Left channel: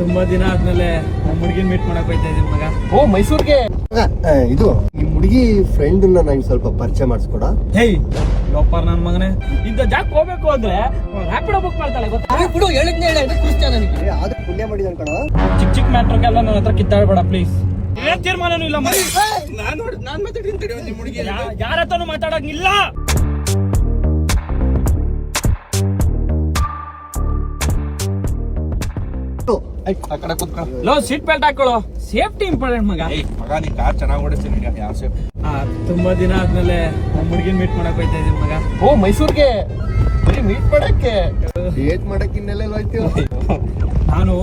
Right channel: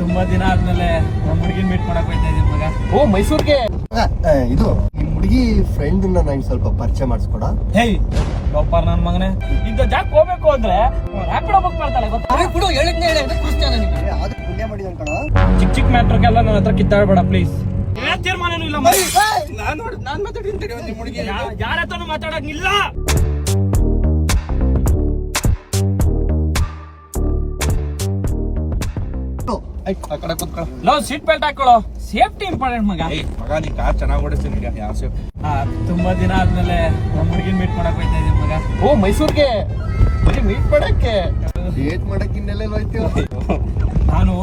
ತುಂಬಾ ದಿನ ಆದ್ಮೇಲೆ ನಮ್ಮ ಹುಡುಗಿನ ಮೀಟ್ ಮಾಡಕ್ ಹೋಯ್ತಾ ಇದೀನಿ ಮಗ. ಓ ಮೈಸೂರ್ಗೆ ಇದು ನಿಮ್ ಹುಡುಗಿ ಫ್ರೆಂಡ್ ನಂಗೆ ಸ್ವಲ್ಪ ಪರಿಚಯ ಮಾಡಿಸ್ಕೊಡ. ಹೇಯ್ ಲೋಪರ್ ನನ್ ಮಗನೇ, ಇಂತ ಜಾಕ್ ಹೋಗ್ಬೇಕು ಅಂದ್ರೆ ರ್ಯಾಪಿಡೋ ಬುಕ್ ಮಾಡ್ತಾಳೆ ಗೊತ್ತಾ? ಪುಣ್ಯ ಮಾಡಿದ ಕಣ. ಚಿಕ್ಕ ಚಿಕ್ಕ ಮ್ಯಾಟ್ರಿಗೆಲ್ಲ ನನ್ನ ಹತ್ರ ಕಿತ್ತಾಡಬೇಡ ಪ್ಲೀಸ್. ಏನ್ ತೀರ್ಮಾನನೂ ಇಲ್ಲ ಮಗ. ನಾನ್ ಮಾತಾಡ್ತೀನಿ ನಿಮ್ ಹುಡುಗಿ. ಯಾರ ಹತ್ರನೂ ಮಾತಾಡಂಗಿಲ್ಲ. ಲೋ ಸೀಟ್ ಬೆಲ್ಟ್ ಹಾಕೊಳ್ಳೋ, ಸೇಫ್ಟಿ ಇಂಪಾರ್ಟೆಂಟ್ ಮಗ. ಮಗ ನೀ ಕಾರ್ ಚೆನ್ನಾಗಿ ಓಡಿಸ್ತೀನಿ. ತುಂಬಾ ದಿನ ಆದ್ಮೇಲೆ ನಮ್ಮ ಹುಡುಗಿನ ಮೀಟ್ ಮಾಡಕ್ ಹೋಯ್ತಾ ಇದೀನಿ ಮಗ. ಓ ಮೈಸೂರ್ಗೆ ಬರೀ ಮೀಟ್ ಮಾಡಕ್ಕೆ ಡೇಟ್ ಮಾಡಕ್ ಇನ್ನೆಲ್ಲ ಹೋಯ್ತೀವಿ. ನಾನು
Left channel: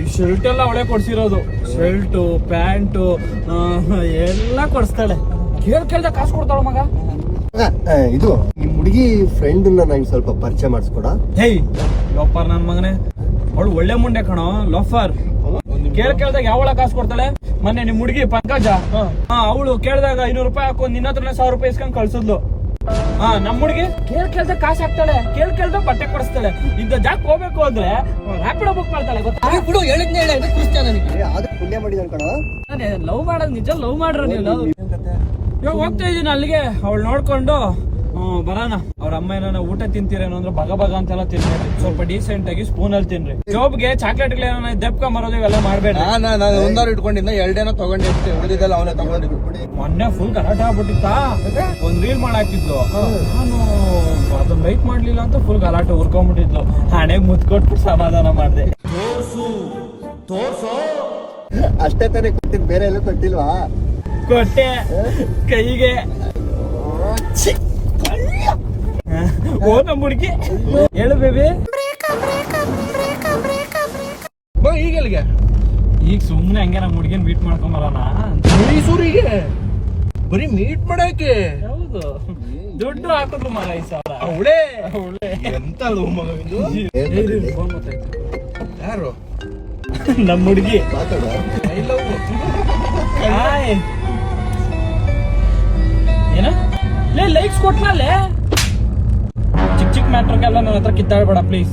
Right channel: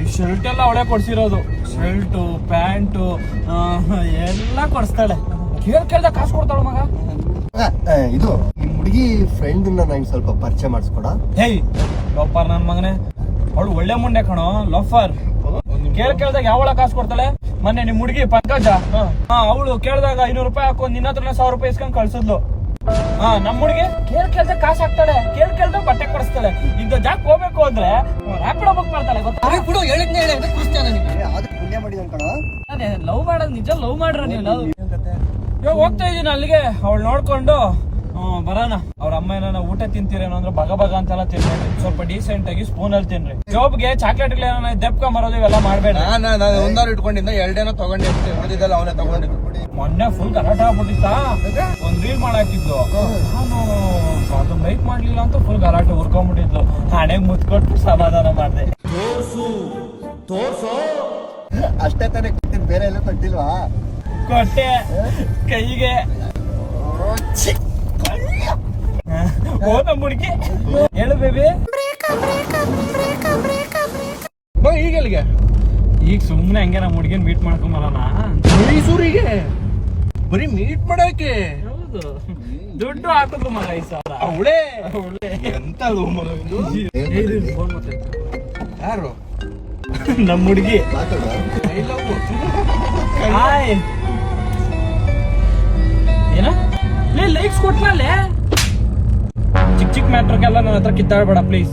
ಈ ಶರ್ಟ್ ಎಲ್ಲ ಅವಳೆ ಕೊಡ್ಸಿರೋದು. ಶರ್ಟು ಪ್ಯಾಂಟು ಎಲ್ಲ ಕೊಡ್ಸ್ತಾಳೆ. ಕೇಳ್ದ ಕಾಸು ಕೊಡ್ತಾಳ ಮಗ. ಇದು ನಿಮ್ ಹುಡುಗಿ ಫ್ರೆಂಡ್ ನಂಗೆ ಸ್ವಲ್ಪ ಪರಿಚಯ ಮಾಡಿಸ್ಕೊಡ. ಹೇಯ್ ಲೋಫರ್ ನನ್ ಮಗನೇ, ಅವಳು ಒಳ್ಳೆ ಮುಂಡೆ ಕಣೋ ಲೋಫರ್. ಕೇಳ್ದಾಗ ಯಾವಳ ಕಾಸು ಕೊಡ್ತಾಳೆ? ಮೊನ್ನೆ ನಿಮ್ ಹುಡುಗಿ ಪಂಕಜ, ಅವಳು ಕೇಳಿದಾಗ 500 ರೂಪಾಯಿ ಹಾಕೊಂಡ್ ನಿನ್ನ ಹತ್ರ 1000 ರೂಪಾಯಿ ಇಸ್ಕೊಂಡ್ ಕಳ್ಸಿದ್ಲು. ನಮ್ ಹುಡುಗಿ ಕೇಳ್ದ ಕಾಸು ಹಾಕ್ತಾಳೆ, ಕೇಳ್ದ ಬಟ್ಟೆ ಕೊಡಿಸ್ತಾಳೆ. ಇಂತ ಜಾಕ್ ಹೋಗ್ಬೇಕು ಅಂದ್ರೆ ರ್ಯಾಪಿಡೋ ಬುಕ್ ಮಾಡ್ತಾಳೆ ಗೊತ್ತಾ? ಪುಣ್ಯ ಮಾಡಿದ ಕಣ. ಲವ್ ಮಾಡೋದು ನಿಜ, ಲವ್ ಮಾಡ್ರ ನೀವು. ಇವಾಗ ಹೋಗ್ತಾ ಇದೀನಿ ಅಲ್ಲಿಗೆ, ಅವಳು ನೋಡ್ಕೊಂಡು ಬರೋಣ. ಅವ್ರ ಅಮ್ಮ ಏನೋ ಊಟ ತಿಂತೀರೇನೋ ಅಂದ್ರೆ ಬಗ ಅಂತೆಲ್ಲ ತಿನ್ರಿ, ಸ್ವಲ್ಪ ಡೀಸೆಂಟ್ ಆಗಿ ಸ್ಪೂನ್ ಅಲ್ಲಿ ತಿನ್ರಿ. ಜಾಬ್ಗೆ ಚಾಕ್ಲೇಟ್ ಏನೋ ದೆಪ್ಕ ಮರೋದು ಇವೆಲ್ಲ ಮಾಡ್ಬೇಡ. ನಾನು ಒಂದವ್ರು ಇಟ್ಕೊಂಡಿದ್ದ 2 ತಗೊಂಡಿರ್ತೀನಿ, ಉಳಿದಿದ್ದೆಲ್ಲ ಅವನೇ ತಗೊಂಡಿದ್ದು. ಮೊನ್ನೆ ಫುಲ್ ಗಲಾಟೆ ಆಗ್ಬಿಟ್ಟಿತ್ತ. ಒಂದ್ ರೀಲ್ ಮಾಡಾಕಿದ್ಲು, ನಾನು ಅದನ್ನ ಲೈಕ್ ಮಾಡ್ಲಿಲ್ಲ ಅಂತ ಫುಲ್ ಗಲಾಟೆ ಉರ್ಕೊಂಡ್ಬಿಟ್ಟಿದ್ಲು. ಹಣೆಗ್ ಮುತ್ಕೊಟ್ಟು ಸಮಾಧಾನ ಮಾಡ್ದೆ. ತೋರ್ಸು ಅಷ್ಟೇ ತಾನೇ ಕೊಟ್ಟಿದ್, ಬೇರೆ ಎಲ್ಲ ಕೊಟ್ಟಿಲ್ವಾ? ಕೊಟ್ಟೆ ಕೈಗೆ. ಓ ನಮ್ಮ ಹುಡುಗಿ ಹೇಳು ಬೇಬಿ. ಈಗೆಲ್ಗೆ ಈಗ ಸುಮ್ನೆ ಹಂಗೆ ನಮ್ಮ ಹುಡುಗಿನ ಮೀಟ್ ಮಾಡ್ಕೊಂಬರೋಣ ಮೈಸೂರಿಗೆ. ಬರೀ ಮೀಟ್ ಮಾಡಕ್ಕೆ? ಹೌದು, ದುಡ್ಡು ಹಾಕುದು ಮಗ 5,000. ಅವಳೇ ಎಂತ ಮಗ ಇದು? ಯಾರು? ನಮ್ಮ ಹುಡುಗಿ. ಏನ ಲೈಕ್ಸ್ ಕೊಟ್ನಲ್ಲೇ. ಚಿಕ್ಕ ಮ್ಯಾಟ್ರಿಗೆಲ್ಲ ನನ್ನ ಹತ್ರ ಕಿತ್ತಾಡಬೇಡ ಪ್ಲೀಸ್.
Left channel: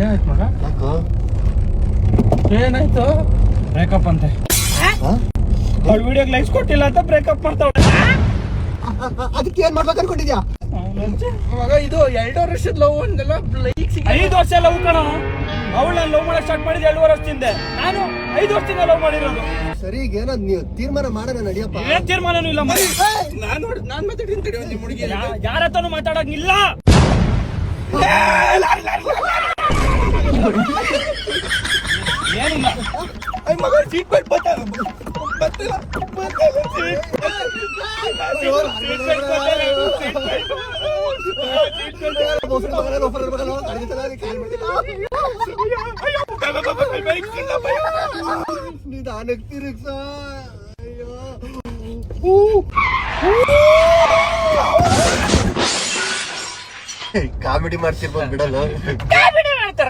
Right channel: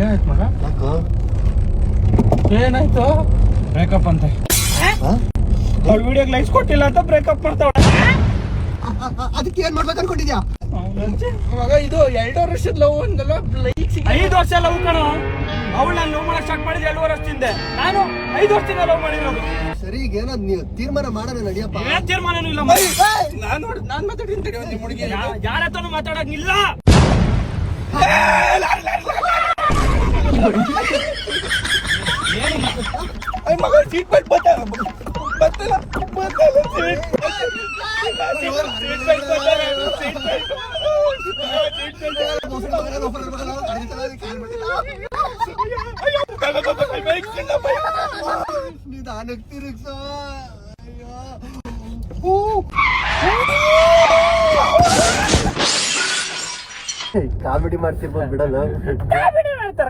ಏನಾಯ್ತು ಮಗ? ಏನಾಯ್ತು? ಬ್ರೇಕಪ್ ಅಂತೆ. ಅವ್ಳ ವಿಡಿಯೋಗೆ ಲೈಕ್ಸ್ ಕೊಟ್ಟಿಲ್ಲ ಅಂತ ಬ್ರೇಕಪ್ ಮಾಡ್ತಾವಳೆ. ಅದಕ್ಕೆ ಏನ್ ಮಾಡ್ಬೇಕು ಅನ್ಕೊಂಡಿದ್ಯಾ ಮಗ? ಇದು 2 ವರ್ಷದ ಲವ್ ಅಂದಲ್ಲ, ಲೈಕ್ಸ್ 5 ವರ್ಷ ಲವ್ ಕಣ. ಅವಳು ನಾನು ಲವ್ ಮಾಡಕ್ ಸ್ಟಾರ್ಟ್ ಮಾಡಿದ 2 ವರ್ಷದಿಂದ, ನಾನು 5 ವರ್ಷದಿಂದ ಲವ್ ಮಾಡಿರೋದು. ಸರಿ, ಈಗ ಏನೋ ನೀವು ತೀರ್ಮಾನ ಮಾಡೋಣ ನಡಿಯಪ್ಪ. ಏನ್ ತೀರ್ಮಾನನೂ ಇಲ್ಲ. ನಾನ್ ಮಾತಾಡ್ತೀನಿ ನಿಮ್ ಹುಡುಗಿ. ಯಾರ ಹತ್ರನೂ ಮಾತಾಡಂಗಿಲ್ಲ. ಏನಿಲ್ಲ ಮಗ, ಸೀಟ್ ಬೆಲ್ಟ್ ಬತ್ತಲ್ಲ. ಕಾಮಿಡಿ ಮಾಡ್ತಿರ್ಬೋದು ಬಿಡಲ್ಲ.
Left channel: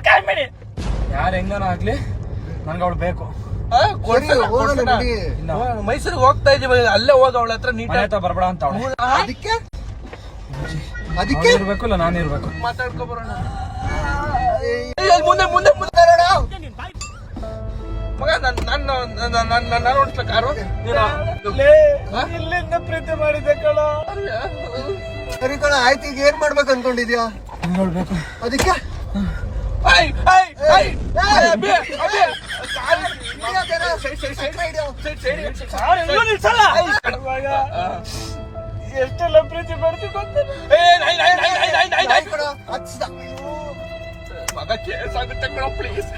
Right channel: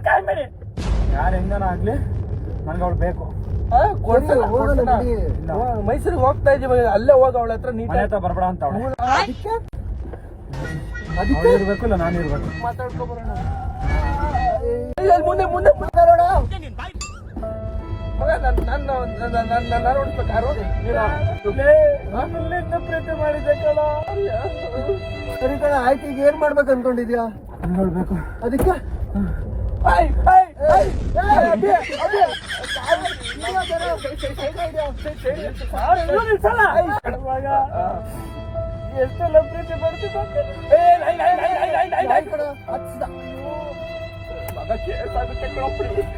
ಕಾಮಿಡಿ ಯಾರು ಹೆಂಗನ ಆಗ್ಲಿ, ನನ್ಗೆ ಅವಳು ಬೇಕು. ಮೈಸೂರಿಗೆ ಹೋಗ್ತಾ ಇದೀವಿ, ಅಲ್ಲೇ ಹೋಗ ಅವಳ ಹತ್ರ ನೀಟ್ ಆಯ್ತಾ ಬರ್ಬೇಡ ಅಂತ ಅವಳು. ಅದಕ್ಕೆ ಇರ್ಬೇಕು ಇಲ್ಲ ನಾನು ಇರ್ಬೇಕು. ಮಾತಾಡ್ಕೊ ಬರೋಣ. ಮುಂದೆ ಮುಂದೆ ಮಗ, ನನ್ನ ನೋಡ್ತ ಕಾರು ಇಲ್ಲಿಂದ ಪ್ರೀತಿ ಮಾಡಿದ್ದೆ ಕಣ. ಸರಿ ಕಣ, ಆಯ್ತು. ಈಗ ಏನ್ ಮಾಡ್ಬೇಕು ಅನ್ಕೊಂಡಿದ್ಯಾ? ನೋಡ್ಬೇಕು. ಅದಕ್ಕೆ ಎಷ್ಟೆಲ್ಲ ಪ್ರೀತಿ ಮಾಡ್ತಿದ್ದ ಮಗ, ಕೇಸ್ ಆಗುತ್ತೆ ಕಣ ಪ್ಲೀಸ್.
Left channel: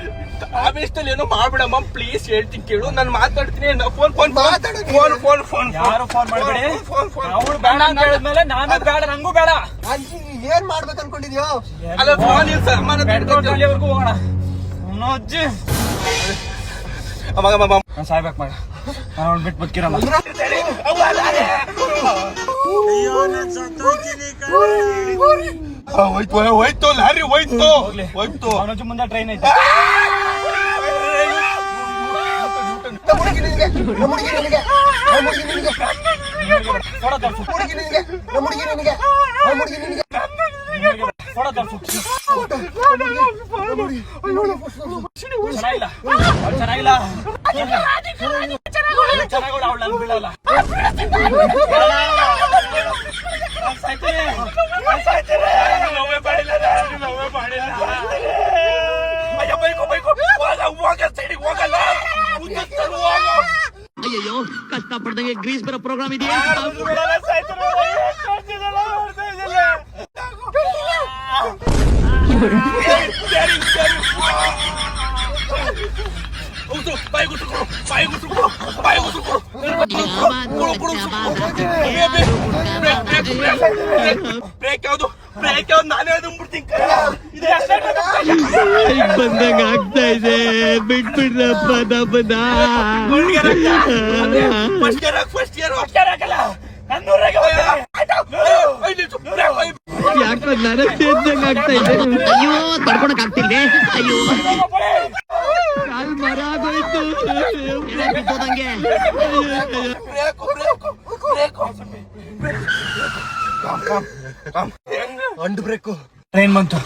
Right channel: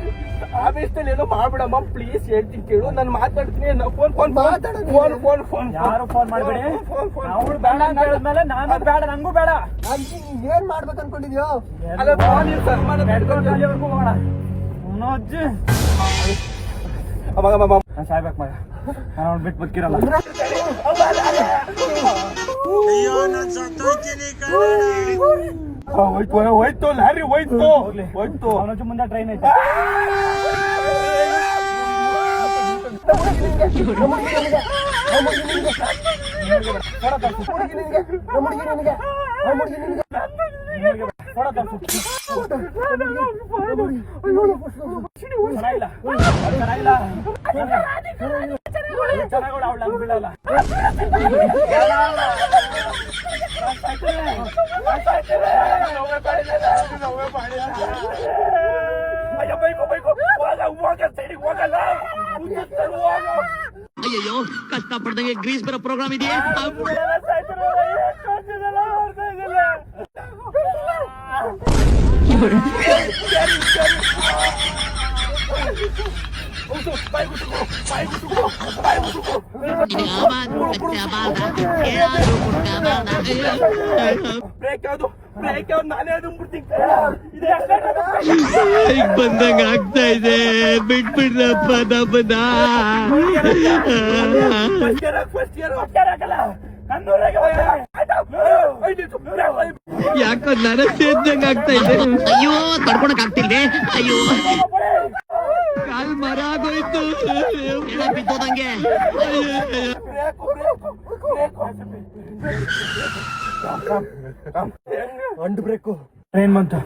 ಆವೇಶದಲ್ಲಿ ಏನೋ ಮಾಡ್ಬಿಡಮ್ಮ ಪ್ಲೀಸ್, ಹೇಳ್ತೀನಿ ಕೇಳು. ನಾನು ಮಾತಾಡ್ತೀನಿ. ಯಾರು ಫೋನ್ ಮಾಡ್ಬೇಡಿ. ಅವಳು ಬೇಡ ಅಂತ ಹೇಳಿದ್ಮೇಲೆ ನಾನು ಬೇಡ, ನಂಗೂ ಬೇಡ. ಏನ್ ಮಾಡ್ಬೇಕು ಅನ್ಕೊಂಡಿದ್ಯೋ? ಅಲ್ಲ, ಫೋನ್ ಅಲ್ಲಿವರೆಗೂ ಹೋಗೋಣ. ಅಜ್ಜಿ ಮಗ ಸಾಯ್ಬೇಕು ಮಗ, ನಾನು ಅವ್ನು ಬಿಟ್ಟು ಬದುಕಿರಲ್ಲ. ಹೋಯ್ತು ಲಾರಿ, ಹೋಯ್ತು. ಅವನಜ್ಜು ಮುಂದೆ ಟ್ರೈನ್ ಐತೆ. ಫೋಟೋ ತೋರಿಸು. ಚೆನ್ನಾಗಿಲ್ಲ ಚೆನ್ನಾಗಿ ಅವಳು ಅಲ್ಲಿ ಬೀಳಲ್ಲ. ಅಯ್ಯೋ ಕಷ್ಟ ಪಡ್ದಂಗೆ ಗ್ರೀಸ್ ಬರೋ ಪ್ರೋಗ್ರಾಮ್ ಇದೆಯಾ? ನಾನೇ ಅದು ಬಂದಂಗ ಆಗ್ತಾ ಇದೆ, ಬಿಟ್ಬಿಡ್ರಪ್ಪ ನಮ್ಮನ್ನ. ಯಾಕೋ ನನಗ್ ಸೇರ್ದಂಗ ಆಗ್ತಾ ಇದೆ. ಅಯ್ಯೋ ತಡ್ಕೊಳಕ್ ಆಗ್ತಿಲ್ವೇ? ಅಯ್ಯೋ ಕಾಲ್ ಮರ ಆಗೋಯ್ತು, ಬಿದ್ದೋದಂಗೆ. ಅಂಡ್ ಬ್ರೇಕು ಟ್ರೈನ್ ಬಂತು.